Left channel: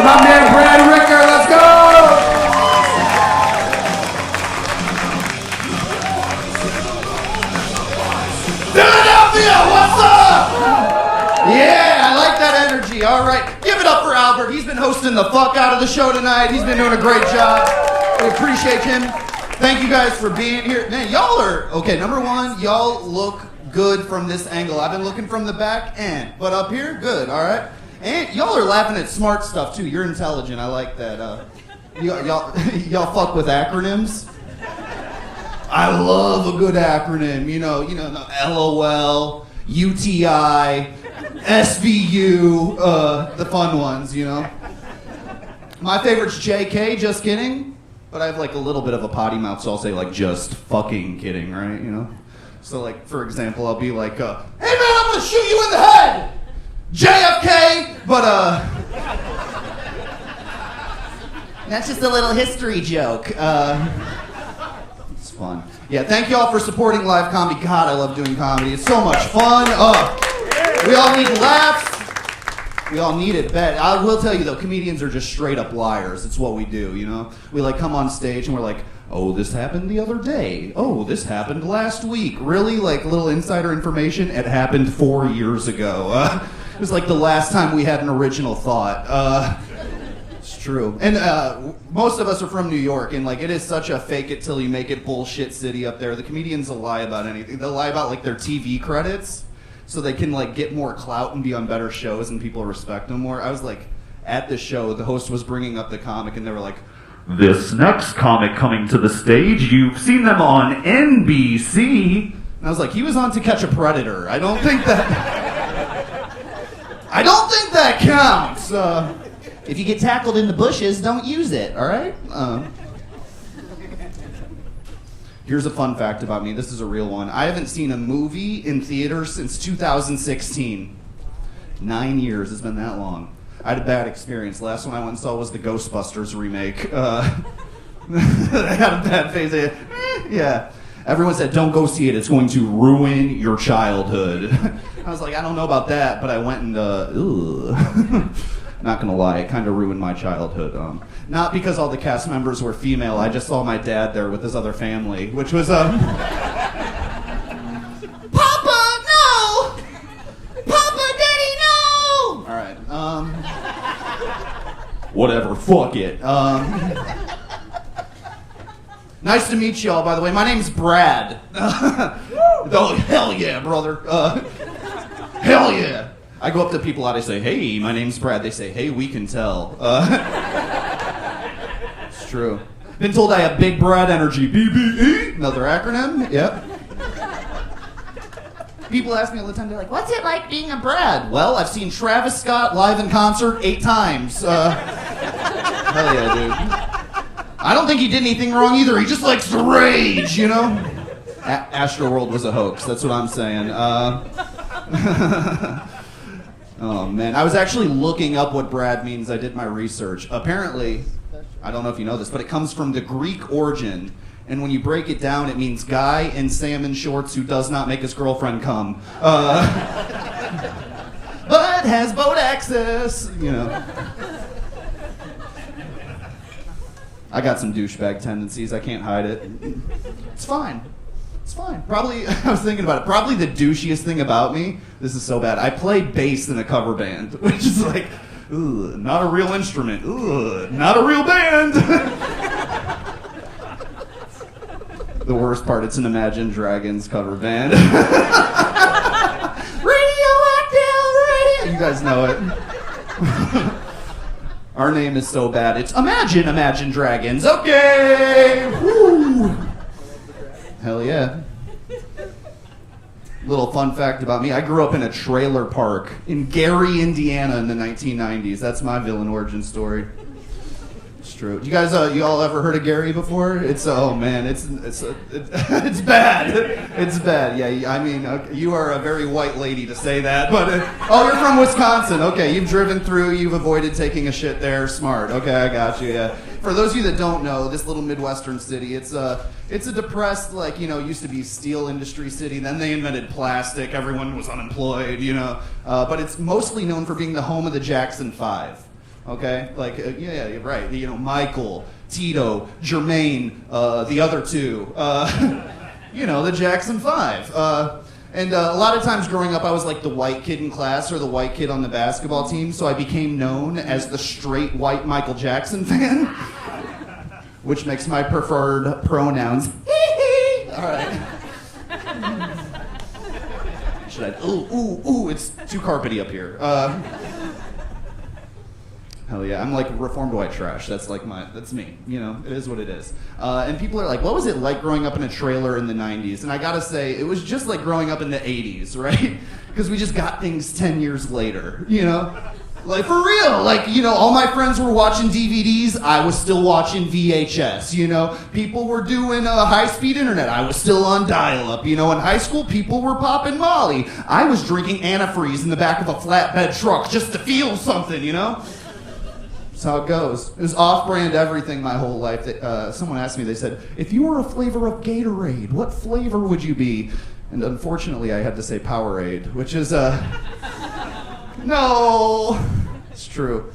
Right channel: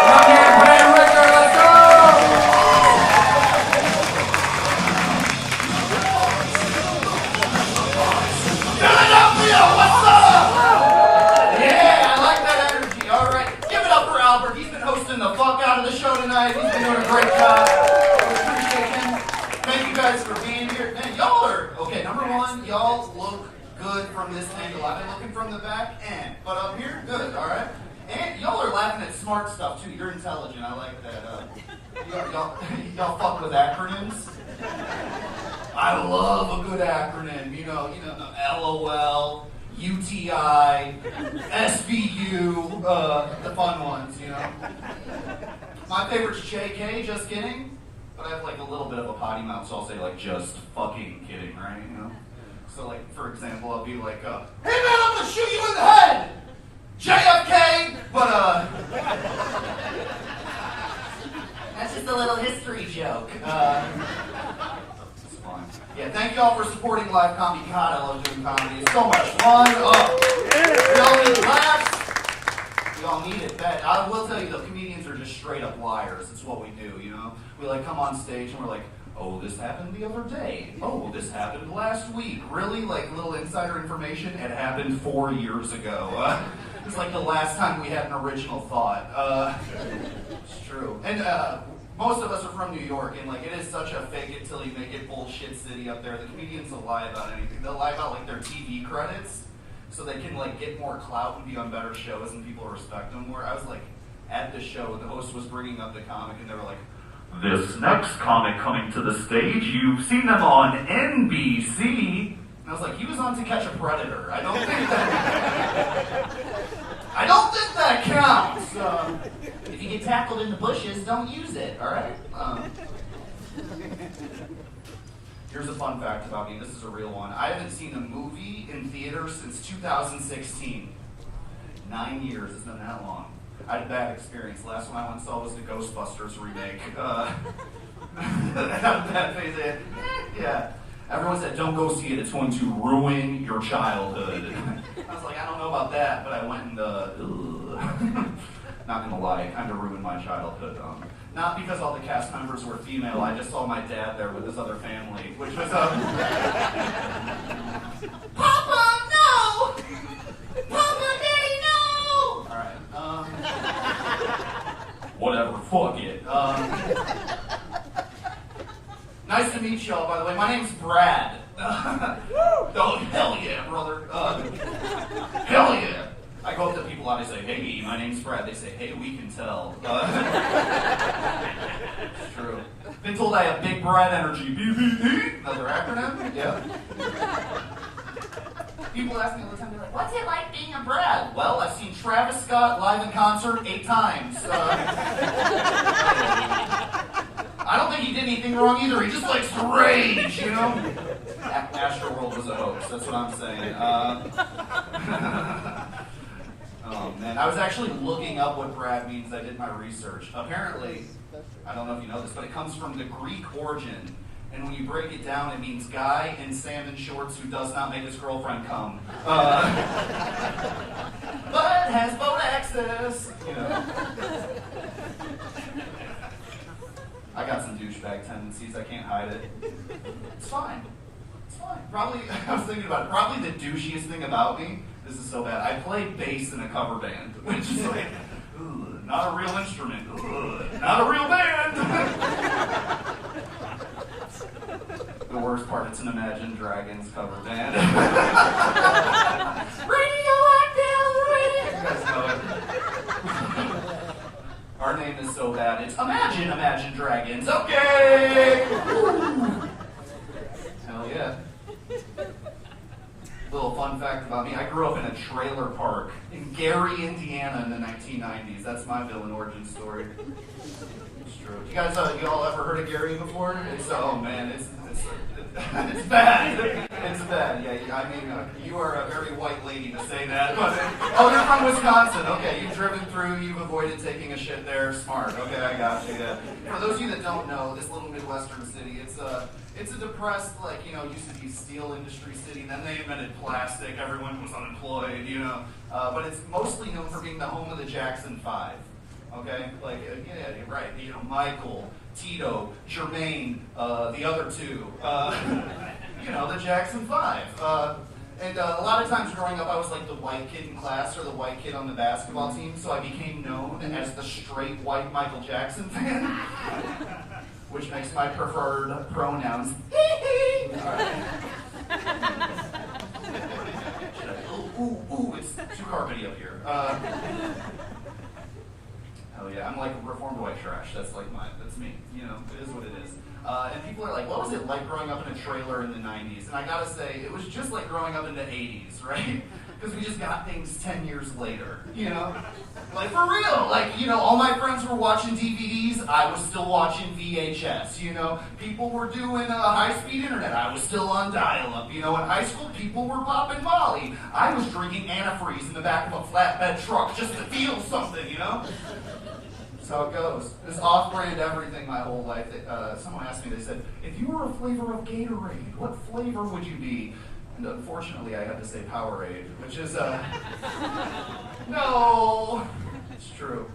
For my man Brad Rickert, let's go! Philadelphia, what's up? Yeah, I like that energy. All right, give it up for Albert. He's been hosting the fuck out of the show tonight. He's been doing a great job. We appreciate him. Thank you guys for being here. Man, y'all are, okay, number one, y'all look good from this angle. I've been looking from the back, but up here, good, all right? And y'all are laughing at smart stuff, too. You're intelligent. I like that. Y'all fuck with acronyms? I love a good acronym. You know, LOL, UTI, SVU, the fun ones, you know? My favorite's JK, just kidding. But I have like a little bit of a potty mouth, so I'll say like just fucking kidding, right? You know? So like, for example, I'll be like, hey man, I'm gonna shoot you in the head! JFK, but that's just a little history joke. It's fun. Yeah, thank you all for supporting live comedy. God, I love doing comedy. It's so much fun. We all need laughs. We all need it bad. I will tell you though, comedians are just straight up liars. It's what we do, you know? We like come on stage and we're like, oh, this happened the other day. Oh, this happened last week. Really? Like little insider information? It happened 4 years ago. It was like the last time we had an original thought. It's true. And most of us are from New York, and like it is such a fake it till you make it bullshit city up there. The comedians will lie about anything. They'll lie about like their TV credits so they can like get more clout and be on better shows and people respect them more. I was like at the show, the host was bringing up the comic and they were like, this next comic coming to the stage, you've seen them on NBC. And I was like, he was on To Catch a Predator. I don't think that counts. If you get tackled in the bushes, don't use it, all right? Here's a fun fact about me. This is a real one. I haven't seen a movie in theaters since 2016. 9 years, it's been that long. I had a bad experience. Last one I went and saw was the Ghostbusters remake. I had a bad phase. Yeah. Everyone said, don't go see it. It's going to ruin your childhood. I was like, I don't know about that, but I went and, not gonna lie, it kind of ruined my childhood. Not because all the cast members were female, I just saw my dad there with his other family, which was, Papa, no! Papa, Daddy, no! Alright, whatever, fuck it. Nice to meet y'all, by the way. My name's Brad. Oh, hell yeah, brother. Hell yeah. I go up to people out, I say, hey, my name's Brad. They say, hey, we can tell. It's true. Been told I have big Brad energy. BBE, another acronym. Yep. People ask me all the time, they're like, what's it like being a Brad? Well, I've seen Travis Scott live in concert 8 times. Hell yeah, dude. I don't think he did anything wrong either. He just likes to rage, you know? Astroworld was a hoax. That's what I'm saying. Oh, man. I was actually looking up what Brad means. I did my research. Apparently, I don't know if you know this, but it comes from the Greek origin. And when you break it down, it means guy in salmon shorts who does not make his girlfriend come. But has boat access, you know. I got some douchebag tendencies. I can't hide it. It's fine. It's fine. Probably, I was thinking about it, probably the douchiest thing about me, this is so bad, I play bass in a cover band, which is like, ugh, not a real instrument. Ugh, not a real band. The worst part, it's an Imagine Dragons cover band. Radioactive Radio. You guys know it. Our name is so bad, it's Imagine Dragons. Okay! Woo! Hell yeah. Little fun fact about me, I grew up in a trailer park in Gary, Indiana in the 1990s. That's my villain origin story. It's true. You guys, you all ever heard of Gary before? It's, oh man, it's bad. It's bad. Yeah, I mean, you are a very white lady to say that, but, oh, you're from Wisconsin. Okay, you've driven through, you've avoided taking a shit there. Smart. Okay, I got you, yeah. For those of you that don't know, this little Midwestern city, it's a depressed, like, you know, used to be steel industry city, then they invented plastic, everyone was unemployed, you know, but it's mostly known for being the home of the Jackson 5. okay? Like, yeah, right. You know, Michael, Tito, Jermaine, the other two, you know, the Jackson 5. And a lot of times growing up, I was like the white kid in class or the white kid on the basketball team, so I became known as the straight white Michael Jackson fan, which makes my preferred pronouns. All right. Ooh, it's too carpety up here. Hell yeah, I'm like reformed white trash. That's me. You know, it is what it is. And people are like, what was it like growing up in a trailer in the 90s? And I gotta say, it was just like growing up in the 80s, right? Because we just got things 10 years later, you know? Like, for real, like, you know, all my friends were watching DVDs, I was still watching VHS, you know? People were doing high-speed internet, I was still on dial-up, you know? In high school, people were popping Molly. I was drinking antifreeze in the back of a flatbed truck just to feel something, you know? That's how it goes. It was off-brand everything my whole life. Someone asked me, they said, if you were a flavor of Gatorade, what flavor would you be? And unfortunately, I had to say Powerade, which is, no, it's true.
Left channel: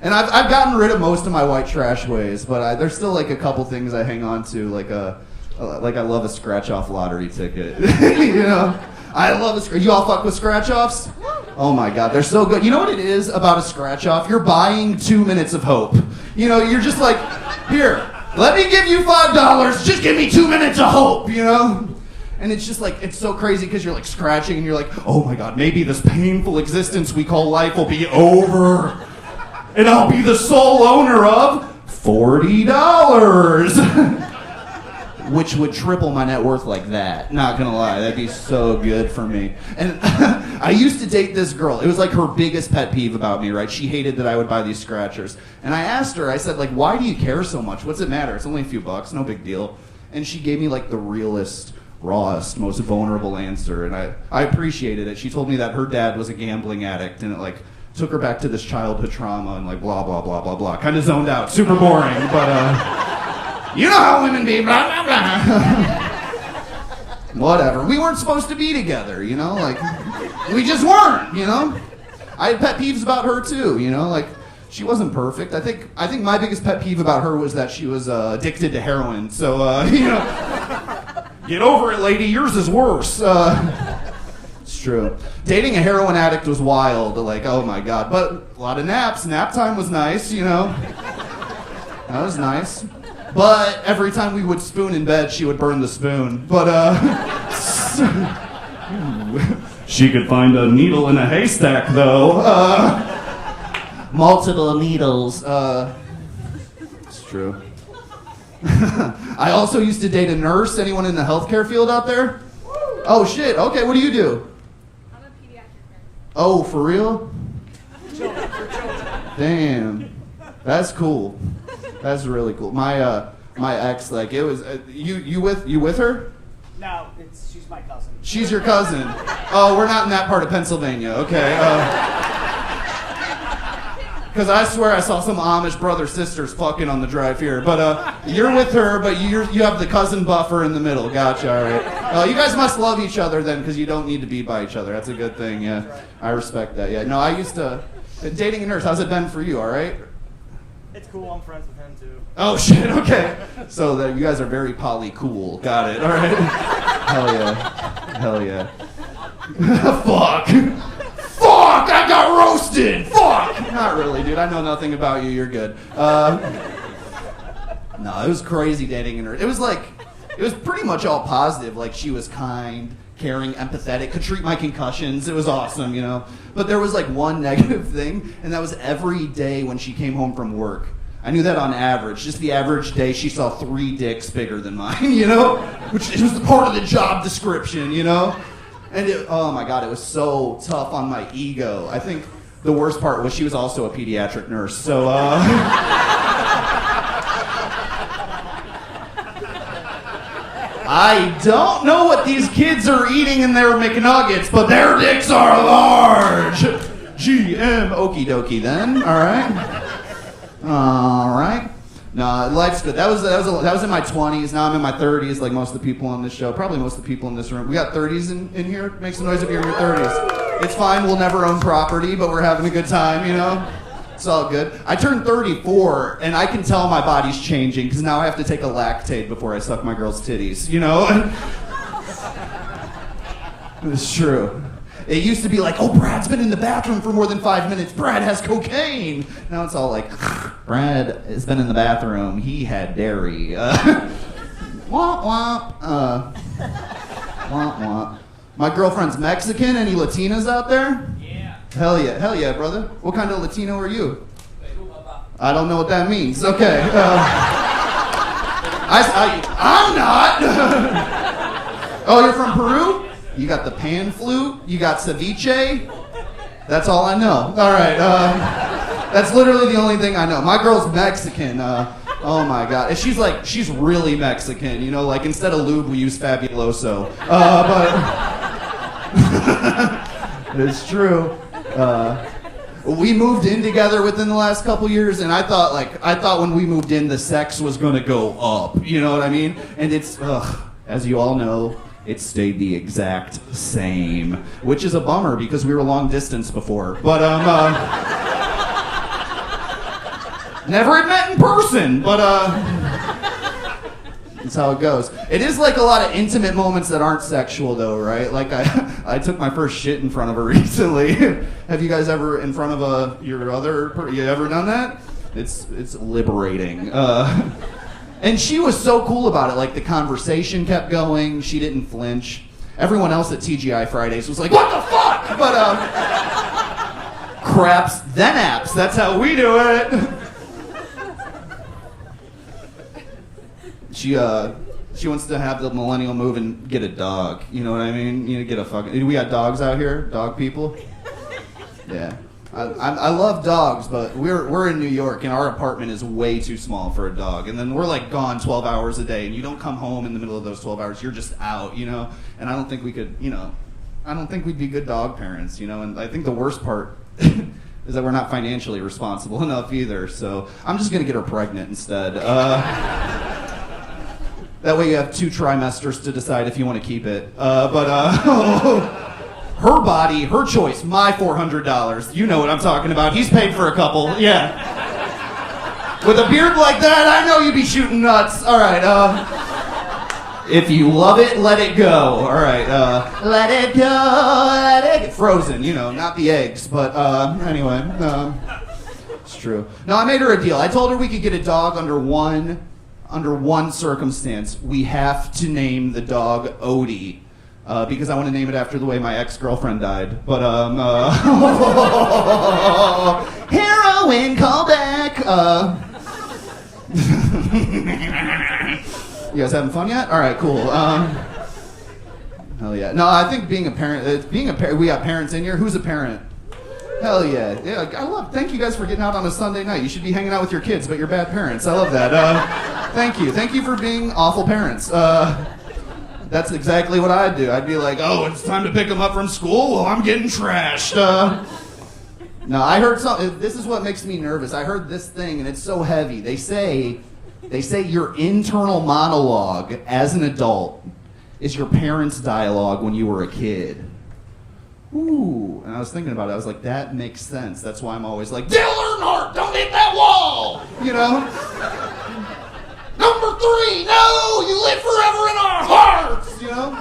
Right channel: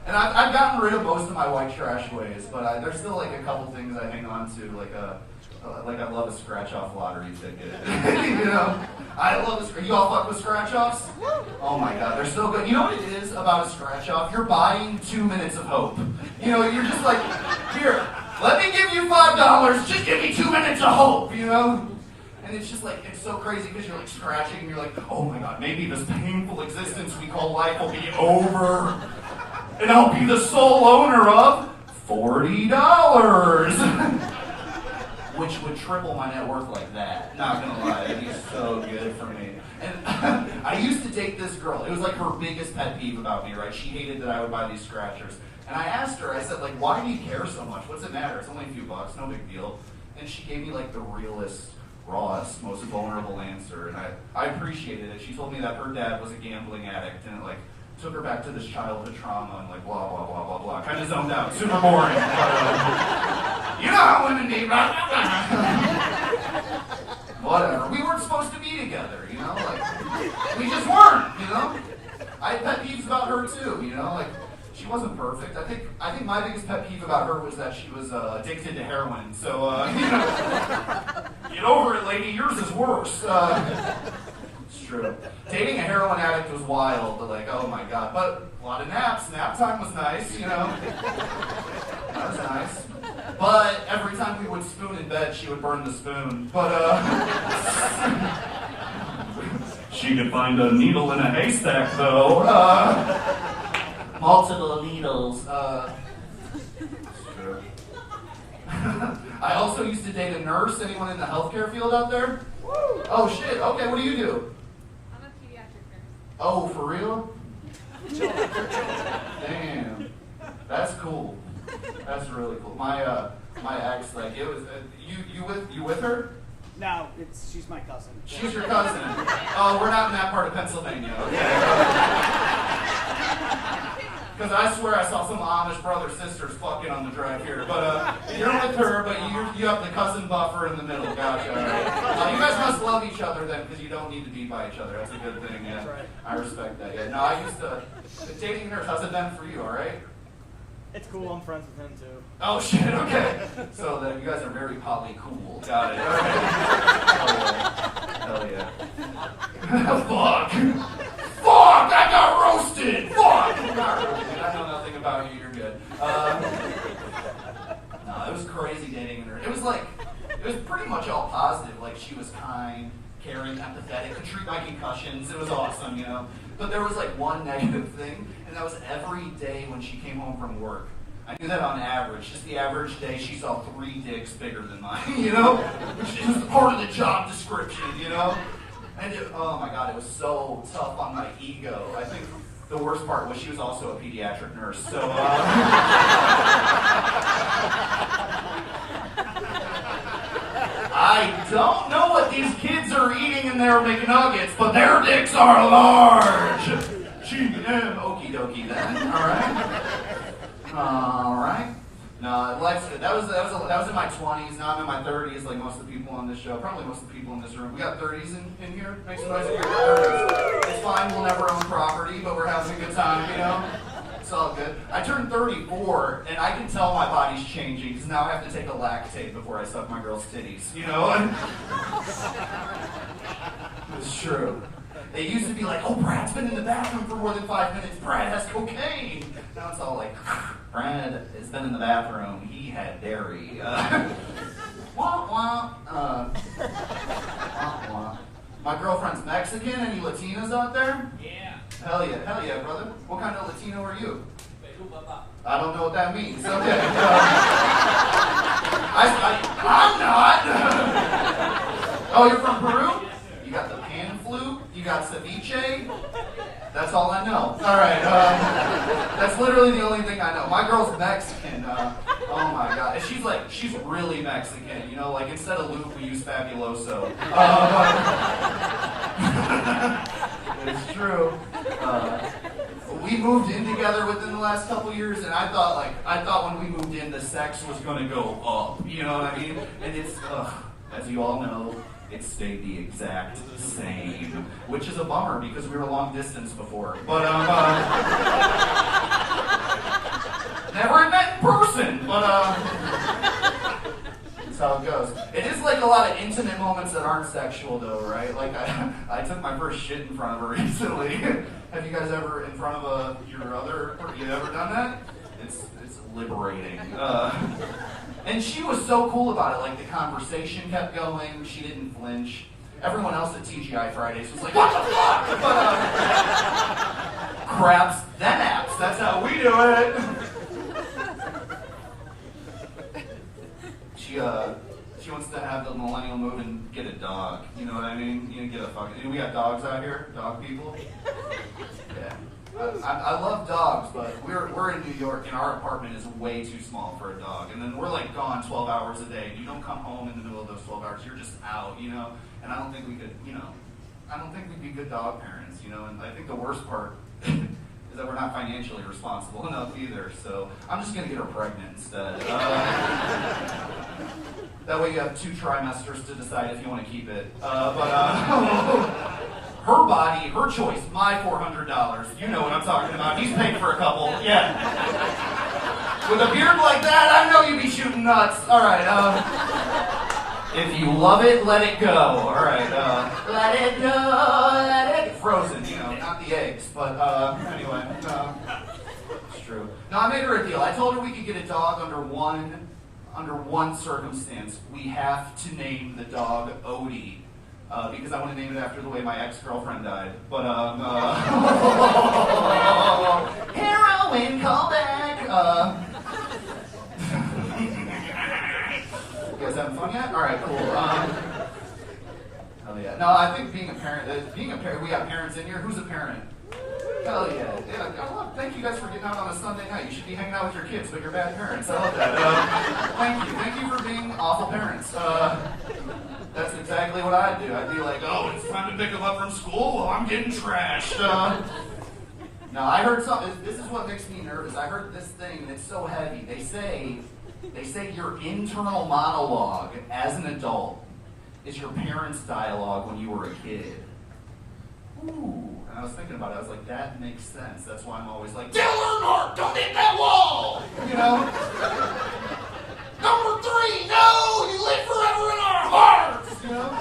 And I've gotten rid of most of my white trash ways, but there's still like a couple things I hang on to, like I love a scratch-off lottery ticket, you know? I love you all fuck with scratch-offs? Oh my God, they're so good. You know what it is about a scratch-off? You're buying 2 minutes of hope. You know, you're just like, here, let me give you $5, just give me 2 minutes of hope, you know? And it's just like, it's so crazy because you're like scratching and you're like, oh my God, maybe this painful existence we call life will be over. And I'll be the sole owner of $40. Which would triple my net worth like that. Not gonna lie, that'd be so good for me. And I used to date this girl. It was like her biggest pet peeve about me, right? She hated that I would buy these scratchers. And I asked her, I said, like, why do you care so much? What's it matter? It's only a few bucks, no big deal. And she gave me like the realest, rawest, most vulnerable answer, and I appreciated it. She told me that her dad was a gambling addict, and it like took her back to this childhood trauma, and like blah blah blah blah blah. Kind of zoned out, super boring, but you know how women be, blah blah blah. Whatever. We weren't supposed to be together, you know, like we just weren't, you know. I had pet peeves about her too, you know, like she wasn't perfect. I think my biggest pet peeve about her was that she was addicted to heroin. So you know. Get over it, lady. Yours is worse. It's true. Dating a heroin addict was wild. Like, oh my God. But a lot of naps. Nap time was nice, you know. That was nice. But every time we would spoon in bed, she would burn the spoon. But, she could find a needle in a haystack, though. Multiple needles. It's true. I also used to date a nurse. Anyone in the healthcare field out there? Oh shit, okay, what do you do? I'm a pediatric nurse. Oh, for real? Damn. That's cool. That's really cool. My ex, like, it was, you with her? No, she's my cousin. She's your cousin. Oh, we're not in that part of Pennsylvania, okay. Because I swear I saw some Amish brother-sisters fucking on the drive here. But you're with her, but you have the cousin buffer in the middle. Gotcha, all right. You guys must love each other then, because you don't need to be by each other. That's a good thing, yeah. I respect that, yeah. No, I used to... Dating a nurse, how's it been for you, all right? It's cool, I'm friends with him too. Oh, shit, okay. So you guys are very poly-cool. Got it, all right. Hell yeah. Hell yeah. Fuck! Fuck! I got roasted! Fuck! Not really, dude. I know nothing about you. You're good. No, it was crazy dating her. It was pretty much all positive. Like, she was kind, caring, empathetic, could treat my concussions. It was awesome, you know? But there was like one negative thing, and that was every day when she came home from work. I knew that on average. Just the average day, she saw 3 dicks bigger than mine, you know? Which was part of the job description, you know? And oh my God, it was so tough on my ego. I think the worst part was she was also a pediatric nurse, so I don't know what these kids are eating in their McNuggets, but their dicks are large. GM, okie dokie then, all right? All right. No, life's good. That was in my 20s. Now I'm in my 30s, like most of the people on this show. Probably most of the people in this room. We got 30s in here? Make some noise if you're in your 30s. It's fine. We'll never own property, but we're having a good time, you know? It's all good. I turned 34, and I can tell my body's changing, because now I have to take a lactate before I suck my girl's titties, you know? It's true. It used to be like, oh, Brad's been in the bathroom for more than 5 minutes. Brad has cocaine. Now it's all like, Brad has been in the bathroom. He had dairy. Womp womp. Womp womp. My girlfriend's Mexican. Any Latinas out there? Yeah. Hell yeah, brother. What kind of Latino are you? I don't know what that means. Okay. I'm not. Oh, you're from Peru? You got the pan flute? You got ceviche? That's all I know. All right. That's literally the only thing I know. My girl's Mexican. Oh my God. She's really Mexican. You know, like instead of lube, we use Fabuloso. But it's true. We moved in together within the last couple years, and I thought when we moved in, the sex was gonna go up. You know what I mean? And it's, as you all know, it stayed the exact same, which is a bummer because we were long distance before. But never had met in person, but that's how it goes. It is like a lot of intimate moments that aren't sexual though, right? Like I took my first shit in front of her recently. Have you guys ever in front of your other, you ever done that? It's liberating. And she was so cool about it. Like the conversation kept going. She didn't flinch. Everyone else at TGI Fridays was like, "What the fuck?" But craps, then apps. That's how we do it. She wants to have the millennial move and get a dog. You know what I mean? You know, get a fucking. We got dogs out here, dog people. Yeah. I love dogs, but we're in New York and our apartment is way too small for a dog. And then we're like gone 12 hours a day, and you don't come home in the middle of those 12 hours. You're just out, you know. And I don't think we could, you know, I don't think we'd be good dog parents, you know. And I think the worst part is that we're not financially responsible enough either. So I'm just gonna get her pregnant instead. That way you have 2 trimesters to decide if you want to keep it. Her body, her choice, my $400. You know what I'm talking about. He's paid for a couple, yeah. With a beard like that, I know you'd be shooting nuts. All right, if you love it, let it go. All right, let it go, let it go. Frozen, you know, not the eggs, but anyway, it's true. No, I made her a deal. I told her we could get a dog under one circumstance. We have to name the dog Odie. Because I want to name it after the way my ex-girlfriend died. But, heroin callback. You guys having fun yet? All right, cool. Hell yeah. No, I think being a parent, we got parents in here. Who's a parent? Hell yeah. Yeah, thank you guys for getting out on a Sunday night. You should be hanging out with your kids, but you're bad parents. I love that. Thank you. Thank you for being awful parents. That's exactly what I'd do. I'd be like, oh, it's time to pick them up from school? Well, I'm getting trashed. No, I heard something. This is what makes me nervous. I heard this thing, and it's so heavy. They say your internal monologue as an adult is your parents' dialogue when you were a kid. Ooh. And I was thinking about it. I was like, that makes sense. That's why I'm always like, Dale Earnhardt, don't hit that wall! You know? Number 3, no! You live forever in our hearts! You know?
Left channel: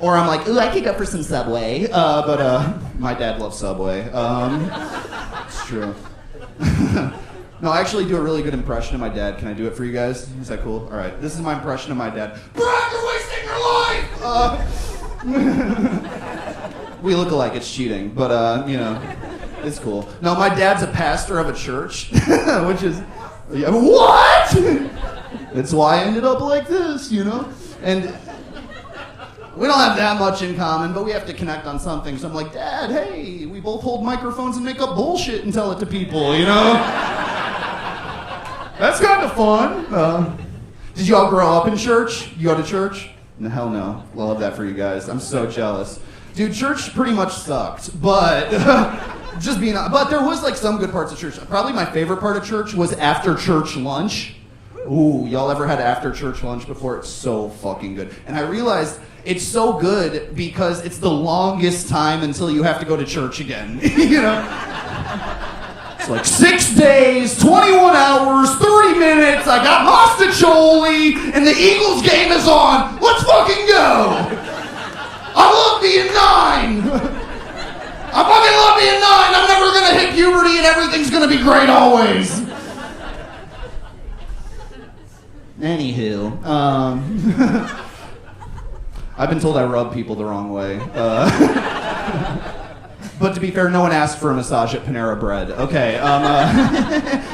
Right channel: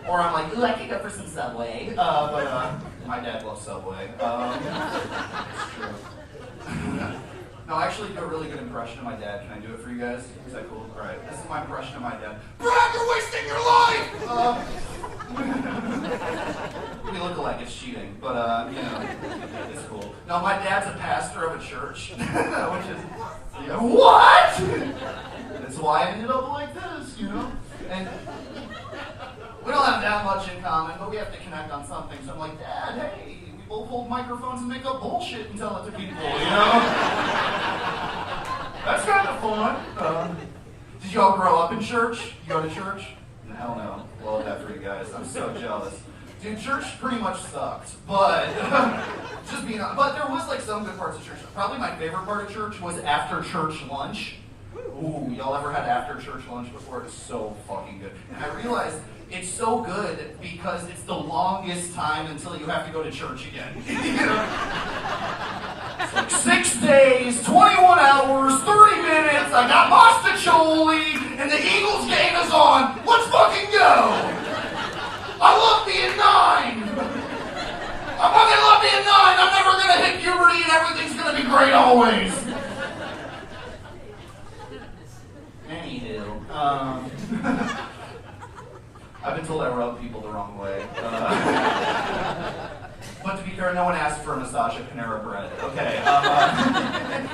Or I'm like, ooh, I could go for some Subway. But my dad loves Subway. It's true. No, I actually do a really good impression of my dad. Can I do it for you guys? Is that cool? All right. This is my impression of my dad. Brad, you're wasting your life! We look alike. It's cheating. But, you know. It's cool. No, my dad's a pastor of a church, which is, yeah, what? That's why I ended up like this, you know? And we don't have that much in common, but we have to connect on something. So I'm like, Dad, hey, we both hold microphones and make up bullshit and tell it to people, you know? That's kind of fun. Did you all grow up in church? You go to church? No, hell no. Love that for you guys. I'm so jealous. Dude, church pretty much sucked, but but there was like some good parts of church. Probably my favorite part of church was after church lunch. Ooh, y'all ever had after church lunch before? It's so fucking good. And I realized it's so good because it's the longest time until you have to go to church again. You know? It's like 6 days, 21 hours, 30 minutes, I got Mostacholi, and the Eagles game is on. Let's fucking go! I love being 9! I fucking love being 9! I'm never gonna hit puberty and everything's gonna be great always! Anywho, I've been told I rub people the wrong way. But to be fair, no one asked for a massage at Panera Bread. Okay,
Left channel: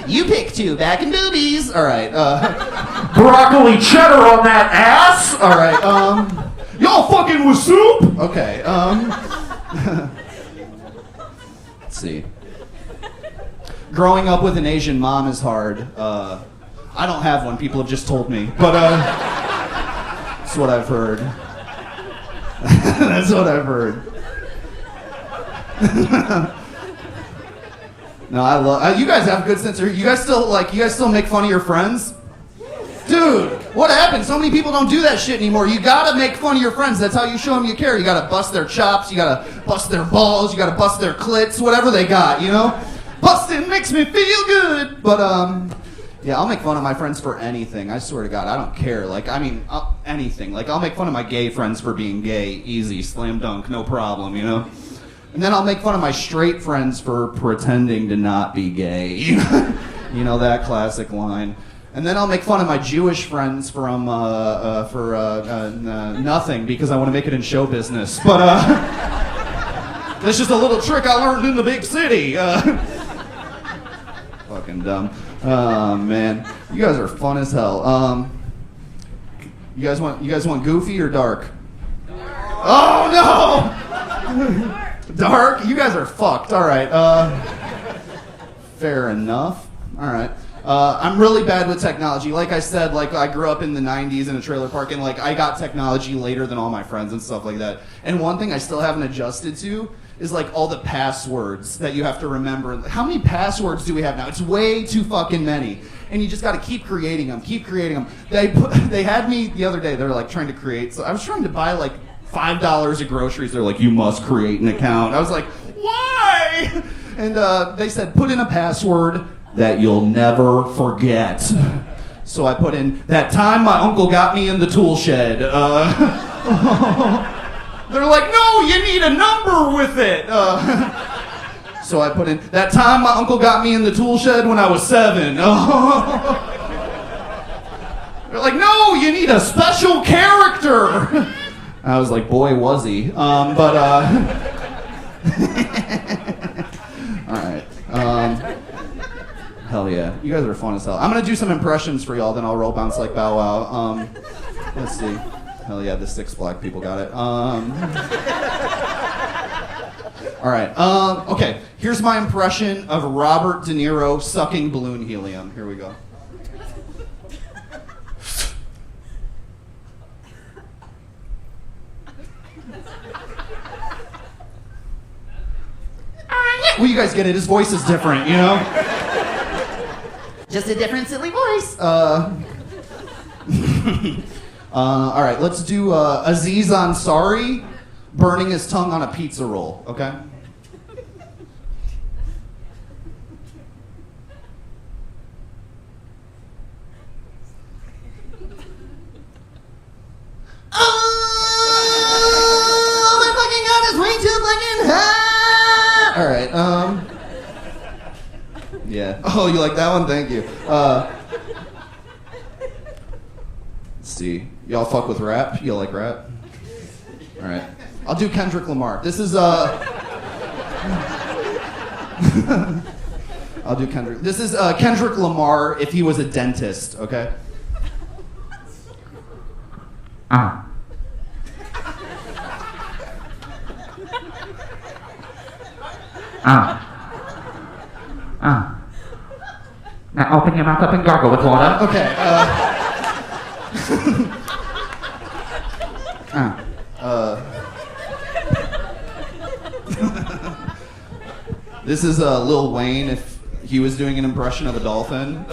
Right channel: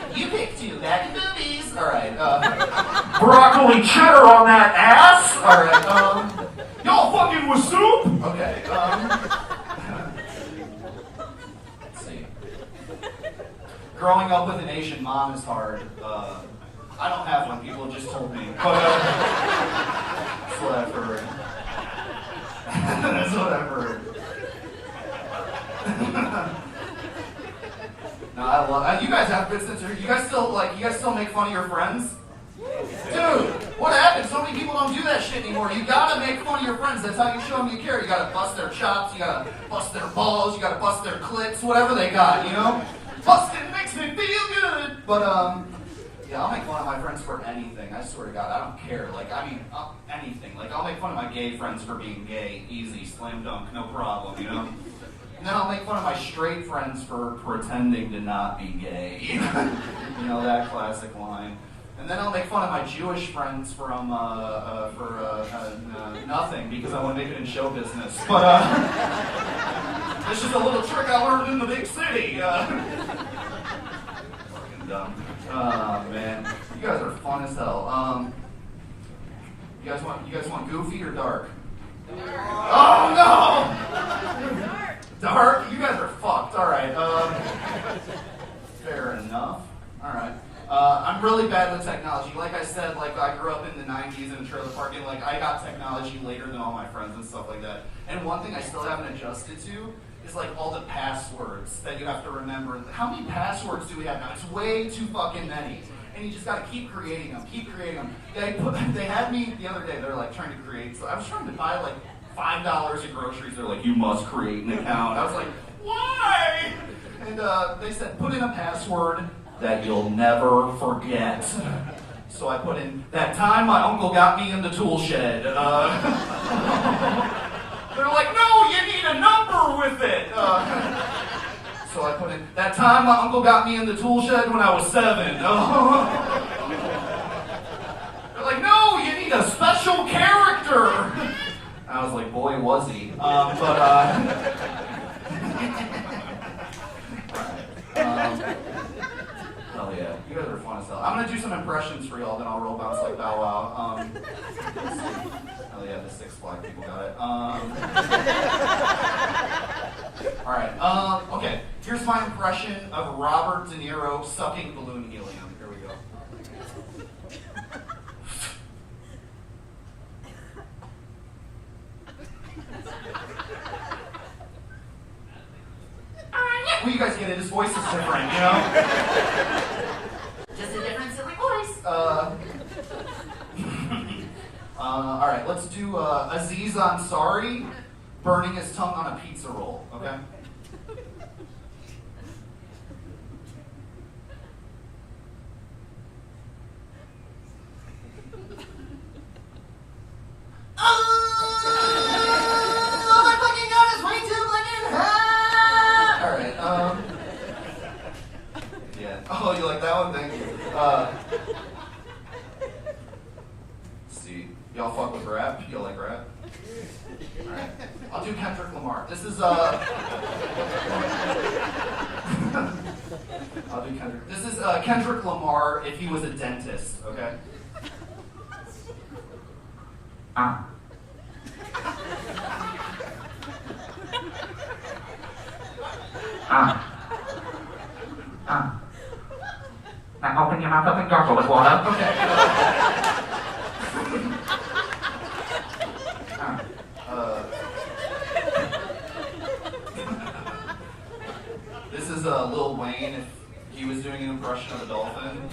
you pick 2, back and boobies. All right, broccoli cheddar on that ass. All right, y'all fucking with soup? Okay, let's see. Growing up with an Asian mom is hard. I don't have one, people have just told me, but that's what I've heard. That's what I've heard. No, I love. You guys have good sense of humor. You guys still make fun of your friends? Dude, what happened? So many people don't do that shit anymore. You gotta make fun of your friends. That's how you show them you care. You gotta bust their chops. You gotta bust their balls. You gotta bust their clits. Whatever they got, you know? Busting makes me feel good. But yeah, I'll make fun of my friends for anything. I swear to God, I don't care. Like, I mean, anything. Like, I'll make fun of my gay friends for being gay. Easy, slam dunk, no problem, you know? And then I'll make fun of my straight friends for pretending to not be gay. You know that classic line. And then I'll make fun of my Jewish friends from nothing because I want to make it in show business. But that's just a little trick I learned in the big city. Fucking dumb. Oh man, you guys are fun as hell. You guys want goofy or dark? Oh no! Dark? You guys are fucked. All right. Fair enough. All right. I'm really bad with technology. Like I said, like I grew up in the 90s in a trailer park, and like I got technology later than all my friends and stuff like that. And one thing I still haven't adjusted to is like all the passwords that you have to remember. How many passwords do we have now? It's way too fucking many. And you just got to keep creating them. They had me the other day. They're like trying to create. So I was trying to buy like $5 of groceries. They're like, you must create an account. I was like, why? And they said, put in a password that you'll never forget. So I put in, that time my uncle got me in the tool shed. They're like, no, you need a number with it. So I put in, that time my uncle got me in the tool shed when I was 7. They're like, no, you need a special character. I was like, boy, was he. All right. Hell yeah. You guys are fun as hell. I'm going to do some impressions for y'all, then I'll roll bounce like Bow Wow. Let's see. Hell yeah, the 6 black people got it. All right. Okay. Here's my impression of Robert De Niro sucking balloon helium. Here we go. Well, you guys get it. His voice is different, you know? Just a different silly voice. All right, let's do Aziz Ansari burning his tongue on a pizza roll, okay? Oh, my fucking God is way too fucking hot! All right, yeah. Oh, you like that one? Thank you. Let's see. Y'all fuck with rap? You like rap? All right. I'll do Kendrick Lamar. This is, I'll do Kendrick. This is Kendrick Lamar if he was a dentist, okay? Now open your mouth up and gargle with water. Okay. This is Lil Wayne if he was doing an impression of a dolphin.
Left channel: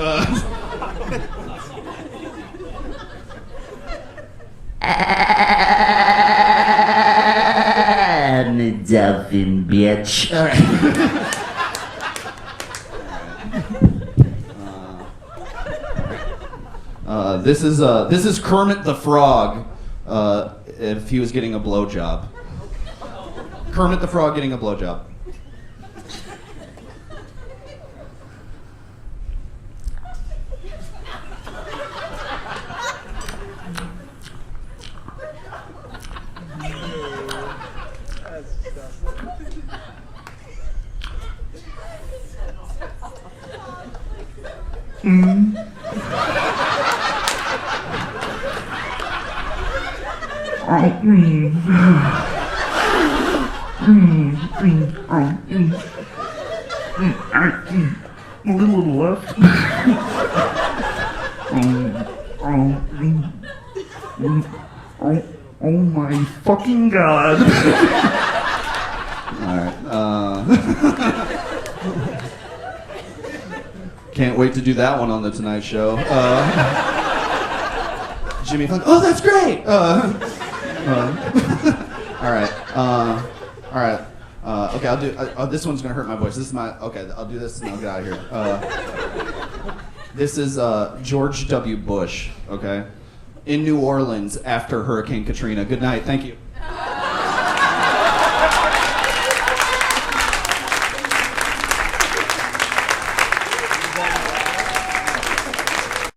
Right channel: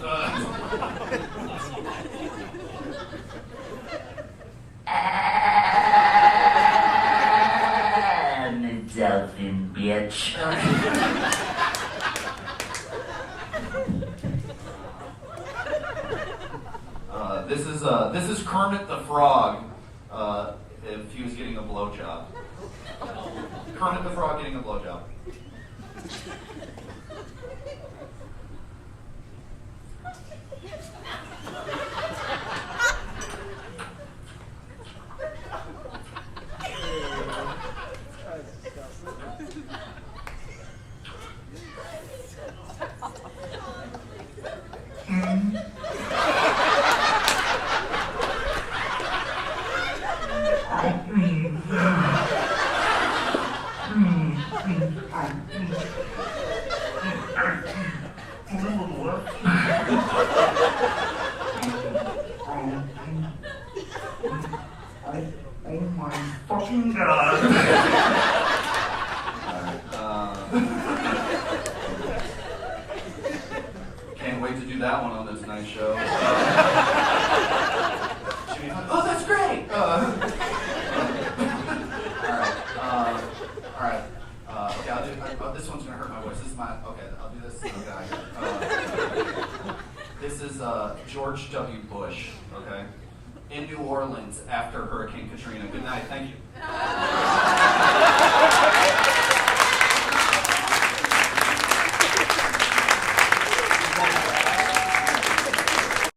bitch. All right. This is Kermit the Frog. If he was getting a blowjob. Kermit the Frog getting a blowjob. A little left. Oh my fucking god. Alright, can't wait to do that one on the Tonight Show. Jimmy Fallon, oh, that's great! Alright, okay, I'll do, this one's gonna hurt my voice. This is okay, I'll do this and I'll get out of here. This is George W. Bush, okay? In New Orleans after Hurricane Katrina. Good night, thank you.